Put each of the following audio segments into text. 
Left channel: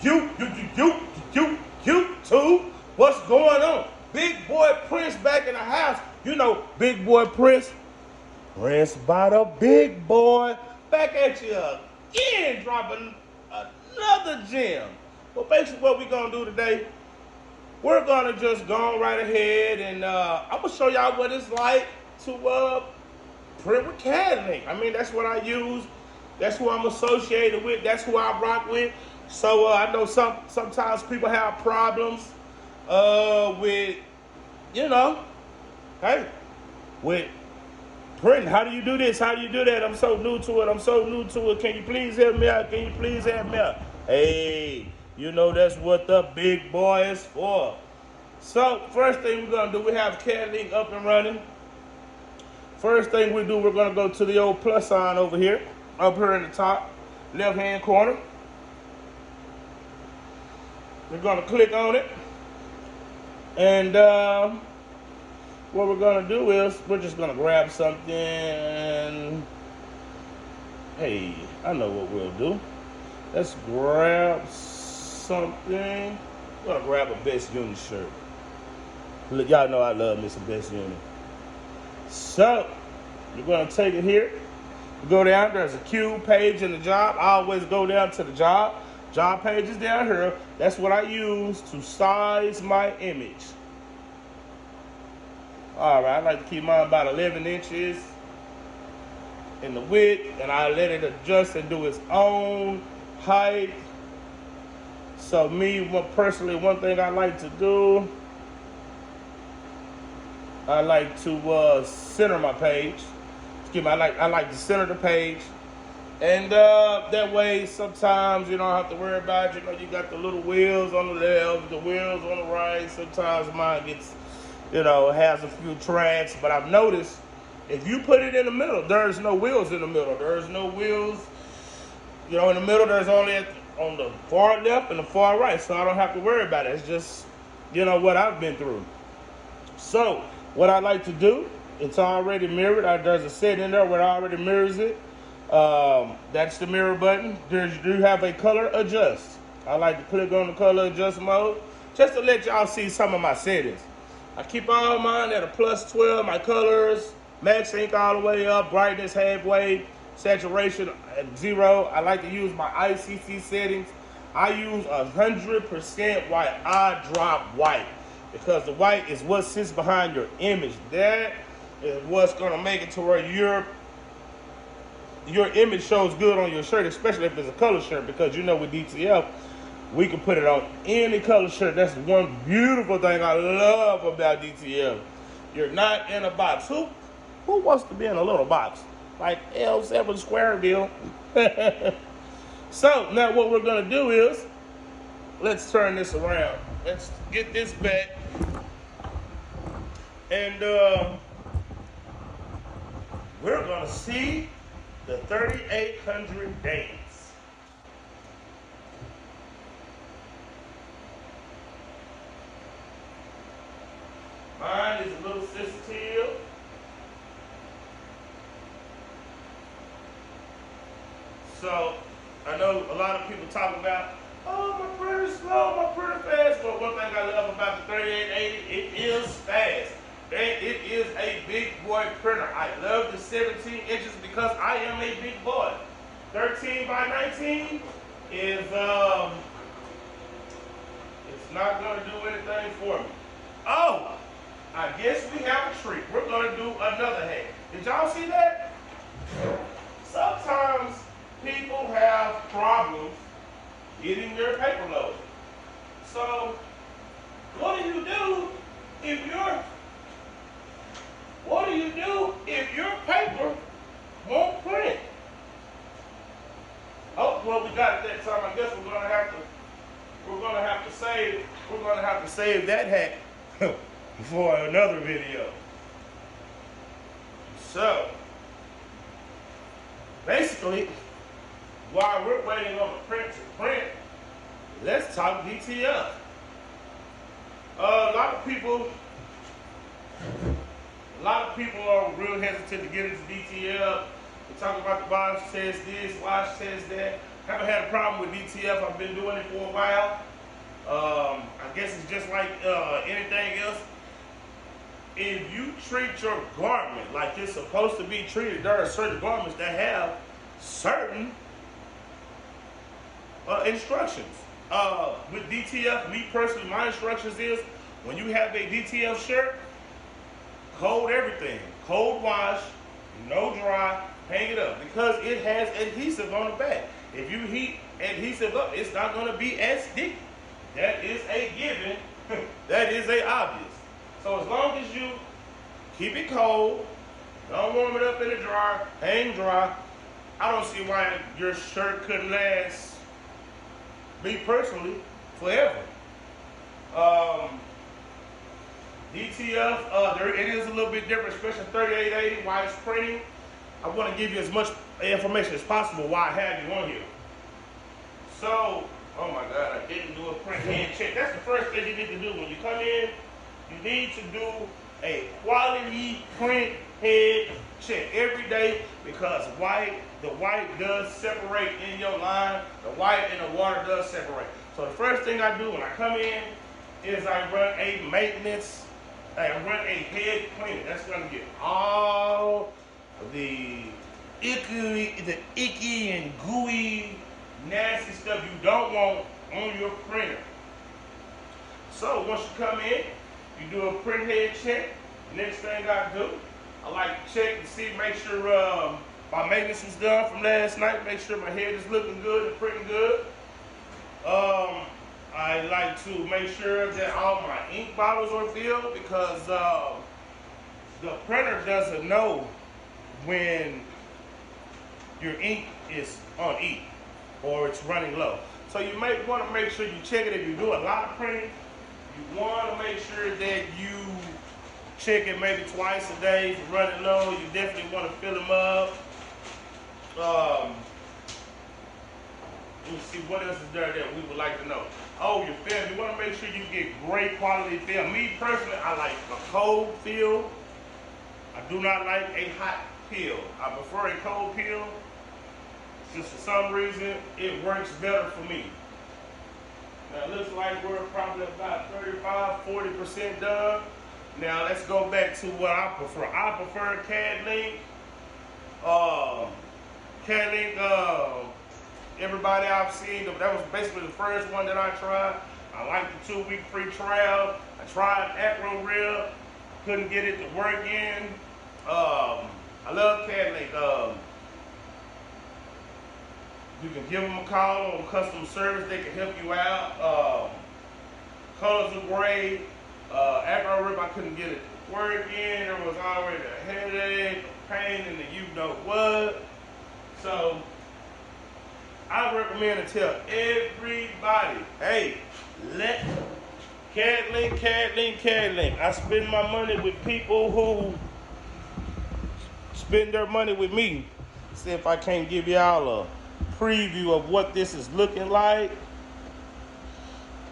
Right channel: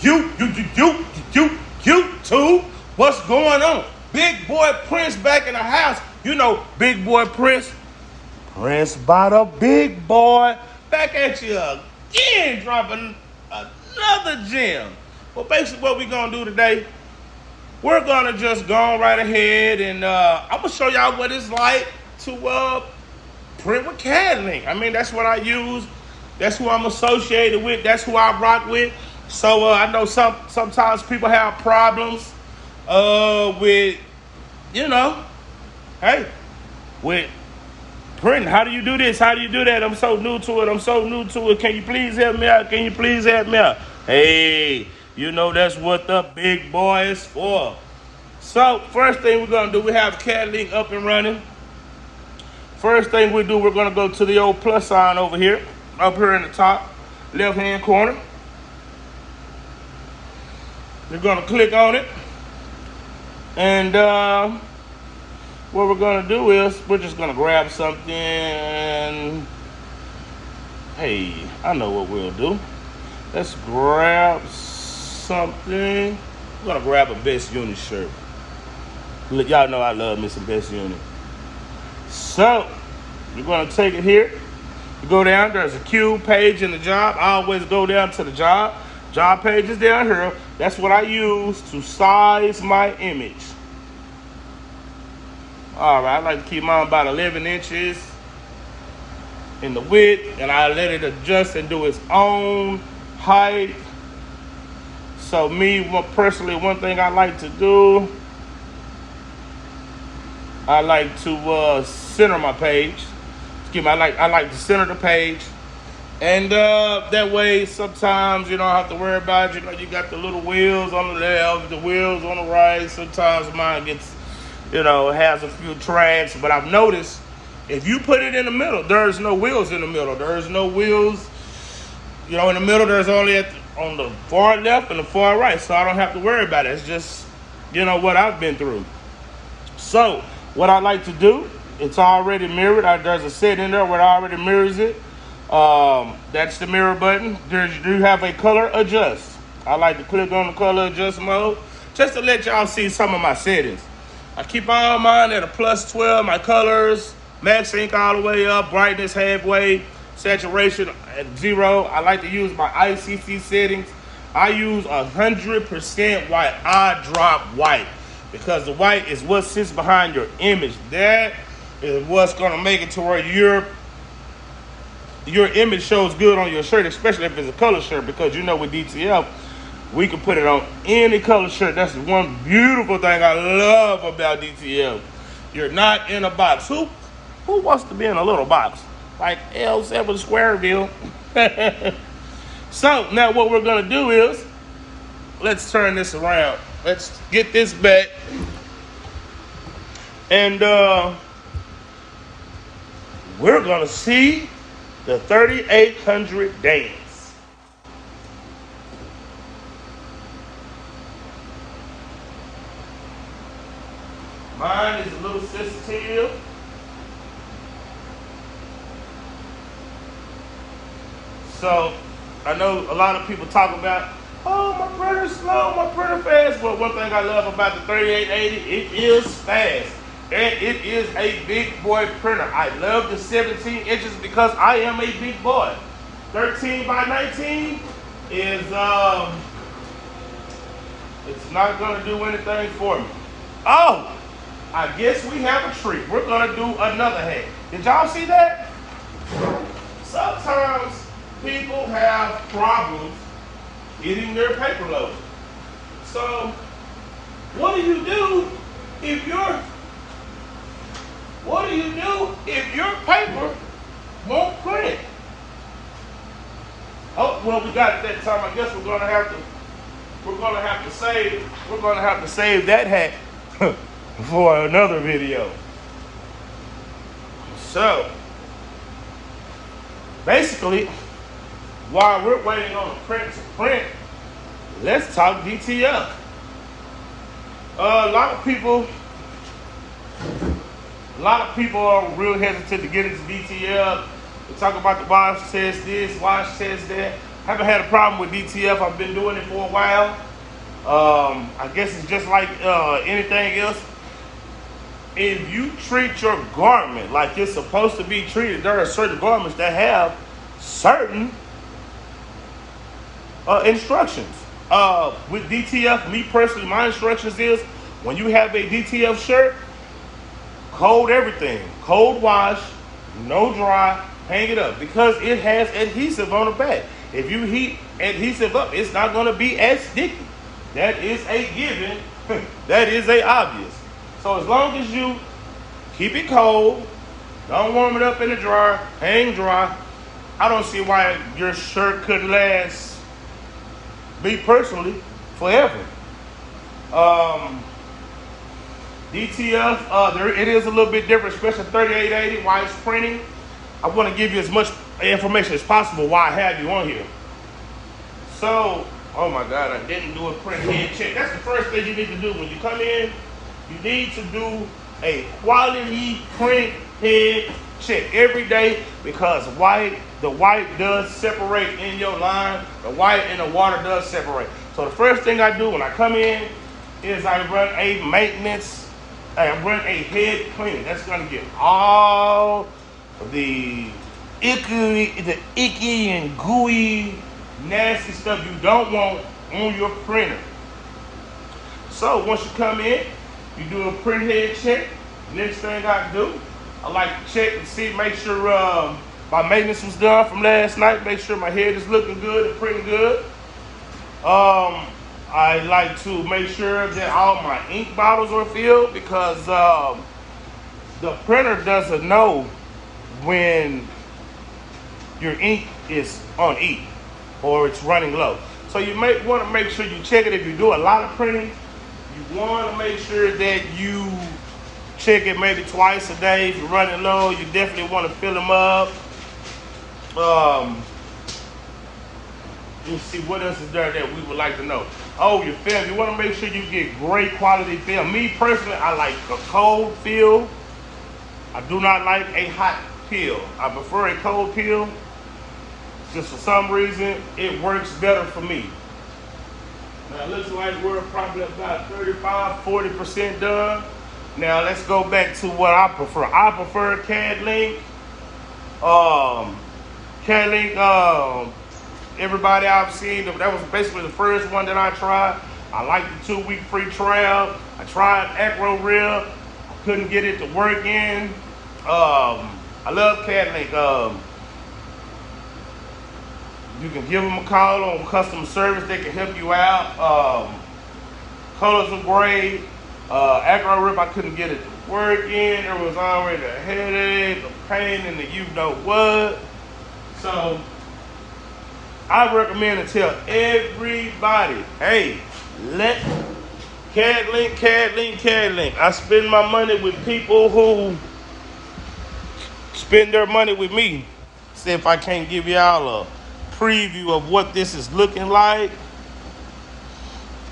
YouTube, what's going on? Big boy Prince back in the house. You know, big boy Prince. Prince by the big boy. Back at you again, dropping another gem. Well, basically what we're gonna do today, we're gonna just go right ahead and I'm gonna show y'all what it's like to print with Cadlink. I mean, that's what I use. That's who I'm associated with. That's who I rock with. So I know sometimes people have problems with, you know, hey, with printing. How do you do this? How do you do that? I'm so new to it. Can you please help me out? Hey, you know that's what the big boy is for. So first thing we're gonna do, we have Cadlink up and running. First thing we do, we're gonna go to the old plus sign over here, up here in the top left hand corner. You're gonna click on it, and what we're gonna do is we're just gonna grab something. Hey, I know what we'll do. Let's grab something. I'm gonna grab a Best Unit shirt. Look, y'all know I love me some Best Unit. So you're gonna take it here. You go down. There's a Q page in the job. I always go down to the job. Job page is down here. That's what I use to size my image. All right, I like to keep mine about 11 inches in the width, and I let it adjust and do its own height. So me, personally, one thing I like to do, I like to center my page. Excuse me, I like to center the page. And that way, sometimes you don't have to worry about it. You know, you got the little wheels on the left, the wheels on the right. Sometimes mine gets, you know, has a few tracks. But I've noticed if you put it in the middle, there's no wheels in the middle. There's no wheels, you know, in the middle. There's only on the far left and the far right. So I don't have to worry about it. It's just, you know, what I've been through. So what I like to do, it's already mirrored. There's a setting in there where it already mirrors it. That's the mirror button. You do have a color adjust. I like to click on the color adjust mode just to let y'all see some of my settings. I keep all mine at a +12. My colors, max ink all the way up, brightness halfway, saturation at 0. I like to use my ICC settings. I use 100% white. I drop white because the white is what sits behind your image. That is what's gonna make it to where your image shows good on your shirt, especially if it's a color shirt, because you know with DTF, we can put it on any color shirt. That's the one beautiful thing I love about DTF. You're not in a box. Who wants to be in a little box? Like L7 Squareville. So now what we're gonna do is, let's turn this around. Let's get this back. And we're gonna see the 3800 dance. Mine is a little sensitive. So I know a lot of people talk about, oh, my printer's slow, my printer fast. Well, one thing I love about the 3880, it is fast. And it is a big boy printer. I love the 17 inches because I am a big boy. 13 by 19 is, it's not gonna do anything for me. Oh, I guess we have a treat. We're gonna do another hat. Did y'all see that? Sometimes people have problems getting their paper loaded. So, what do you do if your paper won't print? Oh, well, we got it that time. I guess we're gonna have to save that hat for another video. So basically, while we're waiting on the print to print, let's talk DTF. A lot of people are real hesitant to get into DTF. They talk about the wash test this, wash test that. Haven't had a problem with DTF. I've been doing it for a while. I guess it's just like anything else. If you treat your garment like it's supposed to be treated, there are certain garments that have certain instructions. With DTF, me personally, my instructions is when you have a DTF shirt, cold everything, cold wash, no dry, hang it up because it has adhesive on the back. If you heat adhesive up, it's not going to be as sticky. That is a given. That is a obvious. So as long as you keep it cold, don't warm it up in the dryer, hang dry, I don't see why your shirt couldn't last, me personally, forever. DTF, it is a little bit different, especially 3880 while it's printing. I want to give you as much information as possible while I have you on here. So, oh my God, I didn't do a print head check. That's the first thing you need to do when you come in. You need to do a quality print head check every day because the white does separate in your line. The white and the water does separate. So the first thing I do when I come in is I run a maintenance, I run a head cleaner. That's going to get all the icky and gooey, nasty stuff you don't want on your printer. So once you come in, you do a print head check. Next thing I do, I like to check and see, make sure my maintenance was done from last night. Make sure my head is looking good and printing good. I like to make sure that all my ink bottles are filled because the printer doesn't know when your ink is on E or it's running low. So you might want to make sure you check it. If you do a lot of printing, you want to make sure that you check it maybe twice a day. If you're running low, you definitely want to fill them up. Let's see what else is there that we would like to know. Oh, your film. You want to make sure you get great quality film. Me personally, I like a cold film. I do not like a hot peel. I prefer a cold peel. Just for some reason, it works better for me. Now, it looks like we're probably about 35–40% done. Now, let's go back to what I prefer. I prefer Cadlink. Cadlink, everybody I've seen, that was basically the first one that I tried. I liked the 2-week free trial. I tried Acro Rib. I couldn't get it to work in. I love Cadlink. You can give them a call on customer service. They can help you out. Colors are great. Acro Rib, I couldn't get it to work in. There was already a headache, a pain in the you know what. So I recommend and tell everybody, hey, let Cadlink. I spend my money with people who spend their money with me. See if I can't give y'all a preview of what this is looking like.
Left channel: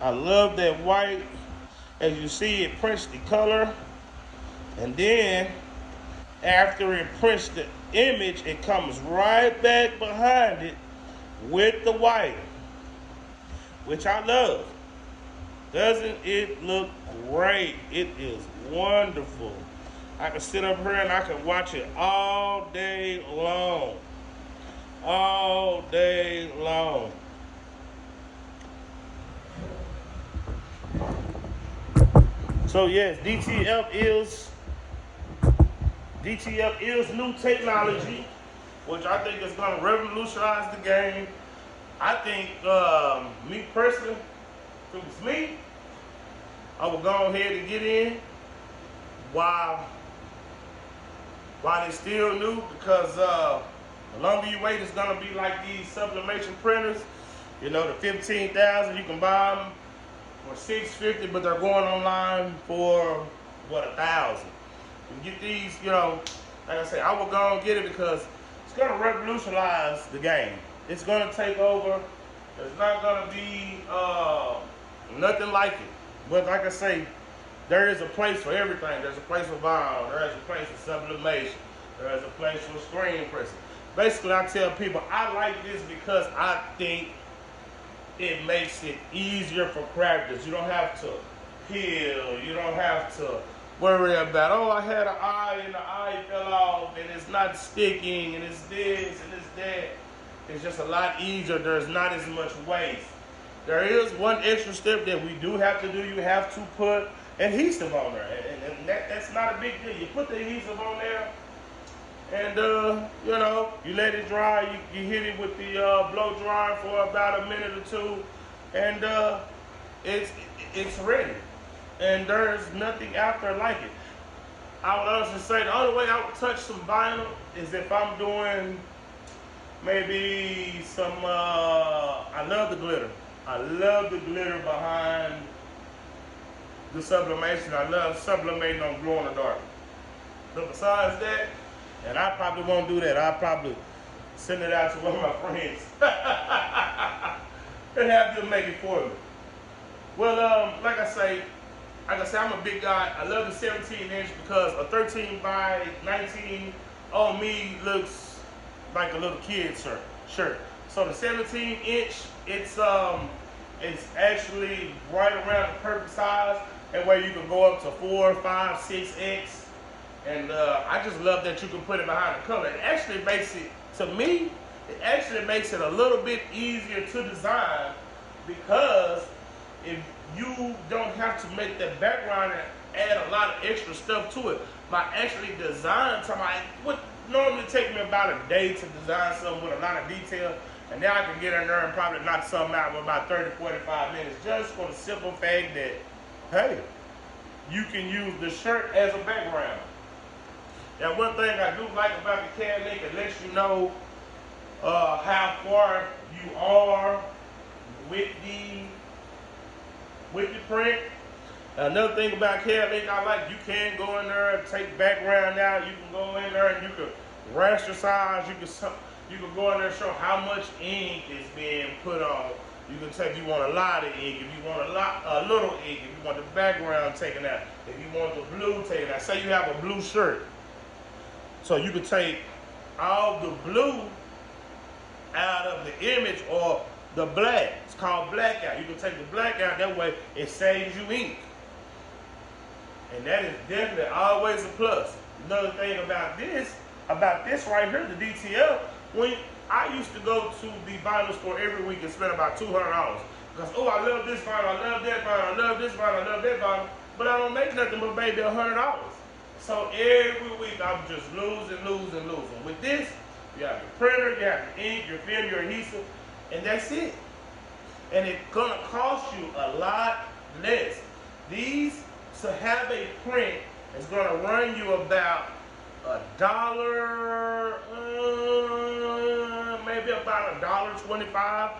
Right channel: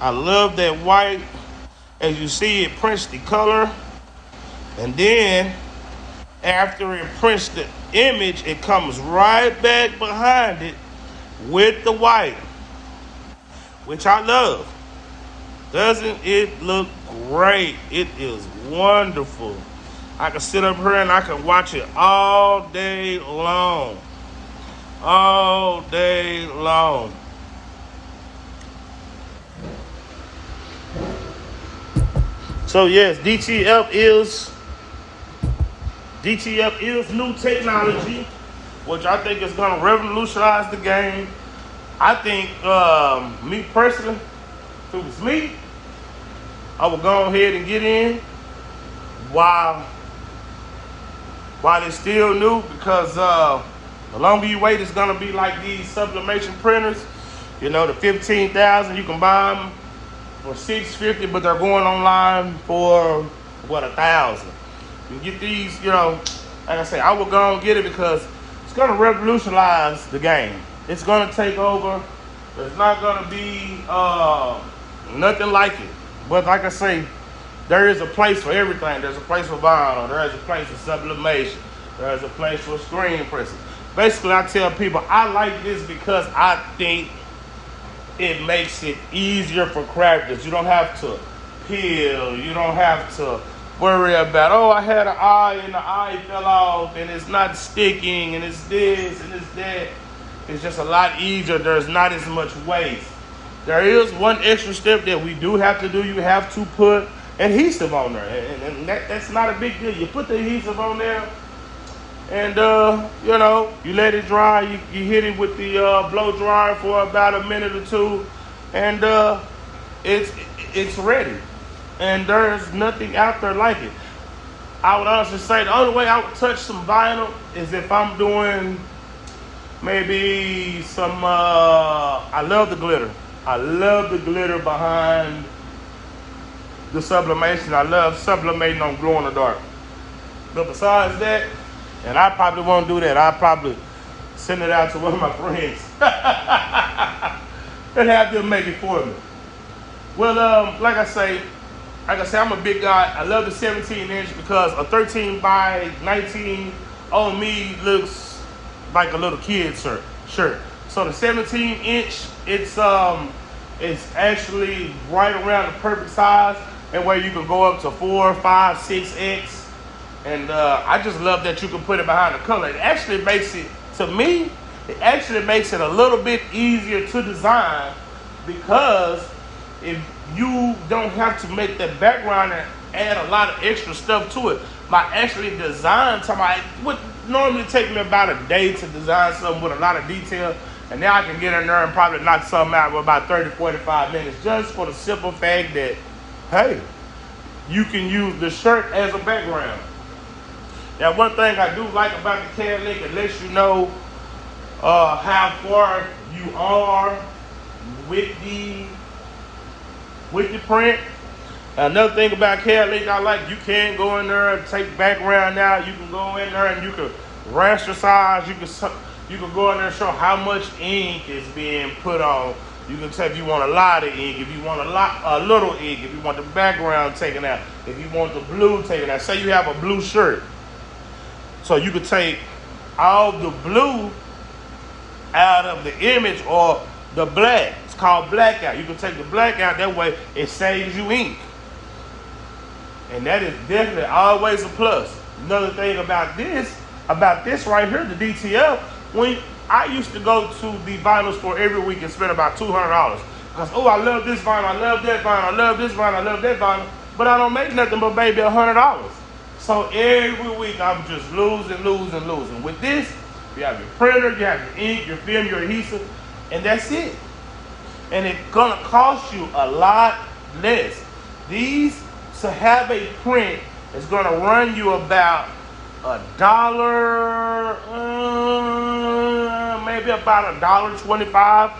I love that white. As you see, it prints the color, and then after it prints the image, it comes right back behind it with the white, which I love. Doesn't it look great? It is wonderful. I can sit up here and I can watch it all day long. All day long. So yes, DTF is new technology, which I think is going to revolutionize the game. I think, me personally, if it was me, I would go ahead and get in while it's still new, because the longer you wait, it's going to be like these sublimation printers. You know, the 15,000, you can buy them for $650, but they're going online for what, $1,000. You get these, you know, like I say, I will go and get it because it's going to revolutionize the game. It's going to take over. There's not going to be nothing like it. But like I say, there is a place for everything. There's a place for vinyl. There is a place for sublimation. There is a place for screen pressing. Basically, I tell people I like this because I think it makes it easier for crafters. You don't have to peel. You don't have to worry about, oh, I had an eye and the eye fell off and it's not sticking and it's this and it's that. It's just a lot easier. There's not as much waste. There is one extra step that we do have to do. You have to put adhesive on there. And that's not a big deal. You put the adhesive on there and, you know, you let it dry. You hit it with the blow dryer for about a minute or two. And it's ready. And there's nothing out there like it. I would honestly say the only way I would touch some vinyl is if I'm doing maybe some, I love the glitter. I love the glitter behind the sublimation. I love sublimating on glow in the dark. But besides that, and I probably won't do that. I'll probably send it out to one of my friends and have them make it for me. Well, like I say, I'm a big guy. I love the 17-inch because a 13 by 19 on me looks like a little kid's shirt. So the 17-inch, it's actually right around the perfect size, and where you can go up to 4, 5, 6X. And I just love that you can put it behind the color. It actually makes it, to me, it actually makes it a little bit easier to design because if you don't have to make that background and add a lot of extra stuff to it. By actually design something, it would normally take me about a day to design something with a lot of detail. And now I can get in there and probably knock something out with about 30, 45 minutes just for the simple fact that, hey, you can use the shirt as a background. Now, one thing I do like about the Cadlink, it lets you know how far you are with the print. Another thing about Cadlink I like, you can go in there and take background out. You can go in there and you can rasterize. You can go in there and show how much ink is being put on. You can tell if you want a lot of ink, if you want a little ink, if you want the background taken out, if you want the blue taken out. Say you have a blue shirt. So you could take all the blue out of the image or the black. It's called blackout. You can take the black out, that way it saves you ink. And that is definitely always a plus. Another thing about this right here, the DTF, when I used to go to the vinyl store every week and spend about $200. Because, oh, I love this vinyl, I love that vinyl, I love this vinyl, I love that vinyl, but I don't make nothing but maybe $100. So every week I'm just losing. With this, you have your printer, you have your ink, your film, your adhesive, and that's it. And it's gonna cost you a lot less. These, to have a print, is gonna run you about $1, maybe about $1.25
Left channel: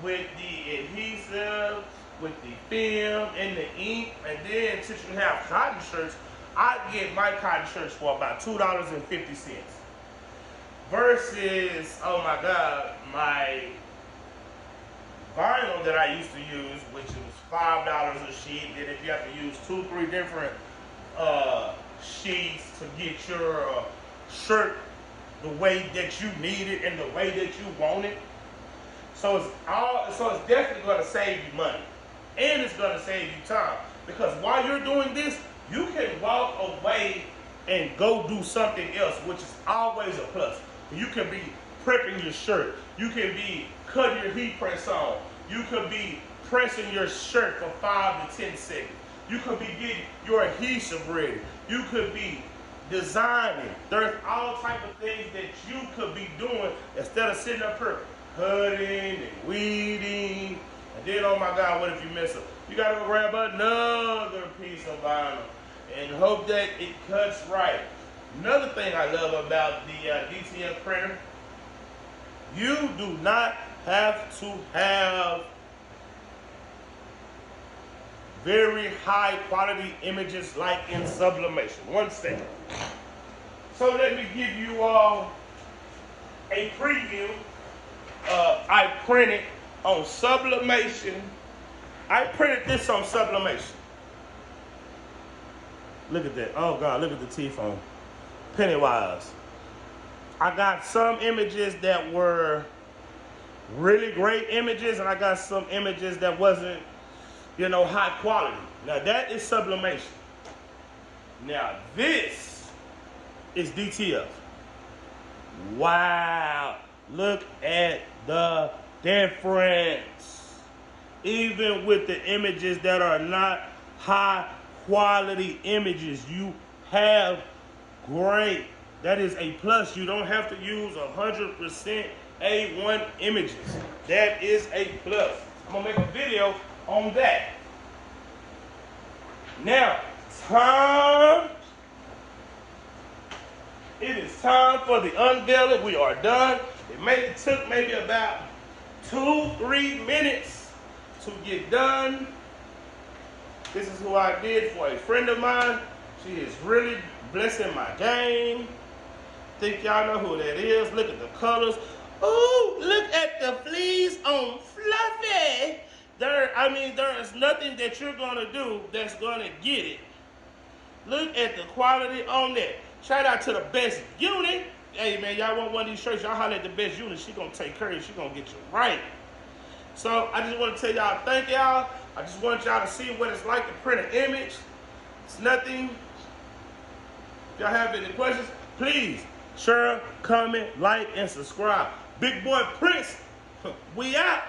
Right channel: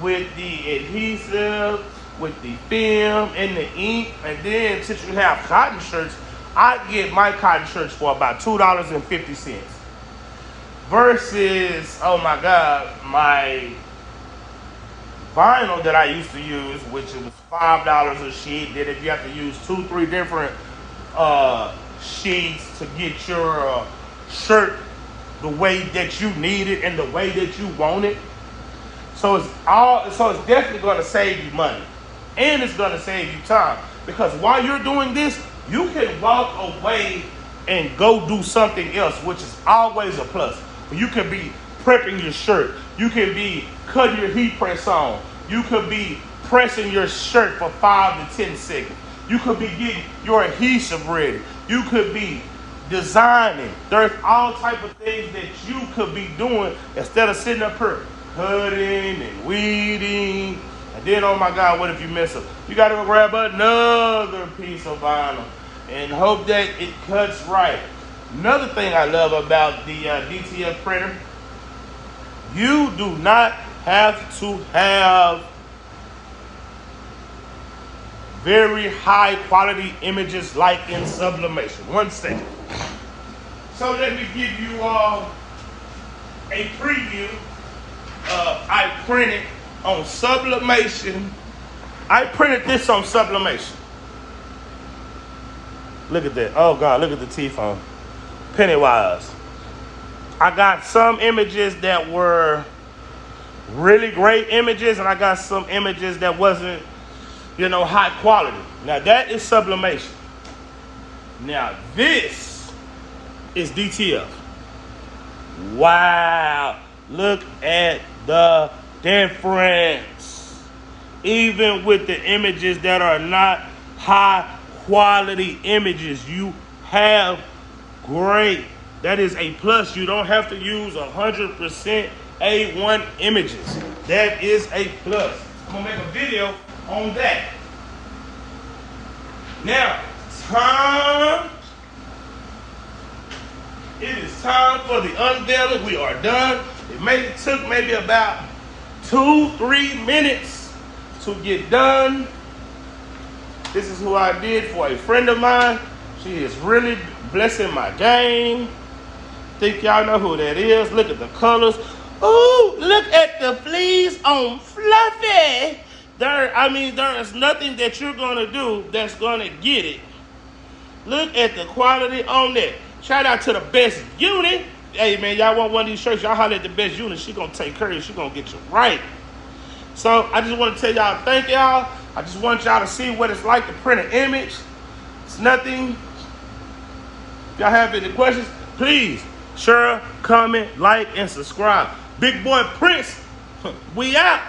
with the adhesive, with the film and the ink. And then since you have cotton shirts, I get my cotton shirts for about $2.50 versus, oh my God, my vinyl that I used to use, which was $5 a sheet. Then if you have to use 2-3 different sheets to get your shirt the way that you need it and the way that you want it. So it's definitely going to save you money, and it's going to save you time, because while you're doing this, you can walk away and go do something else, which is always a plus. You could be prepping your shirt. You could be cutting your heat press on. You could be pressing your shirt for 5 to 10 seconds. You could be getting your adhesive ready. You could be designing. There's all type of things that you could be doing instead of sitting up here cutting and weeding. And then, oh my God, what if you mess up? You got to grab another piece of vinyl and hope that it cuts right. Another thing I love about the DTF printer, you do not have to have very high quality images like in sublimation. One second. So let me give you a preview. I printed on sublimation. I printed this on sublimation. Look at that. Oh God, look at the teeth on Pennywise. I got some images that were really great images, and I got some images that wasn't, you know, high quality. Now that is sublimation. Now this is DTF. Wow, look at the difference. Even with the images that are not high quality images, you have great. That is a plus. You don't have to use 100% A1 images. That is a plus. I'm gonna make a video on that. Now, it is time for the unveiling. We are done. It took maybe about 2-3 minutes to get done. This is who I did for a friend of mine. She is really blessing my game. Think y'all know who that is. Look at the colors. Ooh, look at the fleas on Fluffy. There is nothing that you're gonna do that's gonna get it. Look at the quality on it. Shout out to the best unit. Hey man, y'all want one of these shirts, y'all holler at the best unit. She gonna take care of you. She gonna get you right. So I just want to tell y'all thank y'all. I just want y'all to see what it's like to print an image. It's nothing. If y'all have any questions, please share, comment, like, and subscribe. Big Boy Prince, we out.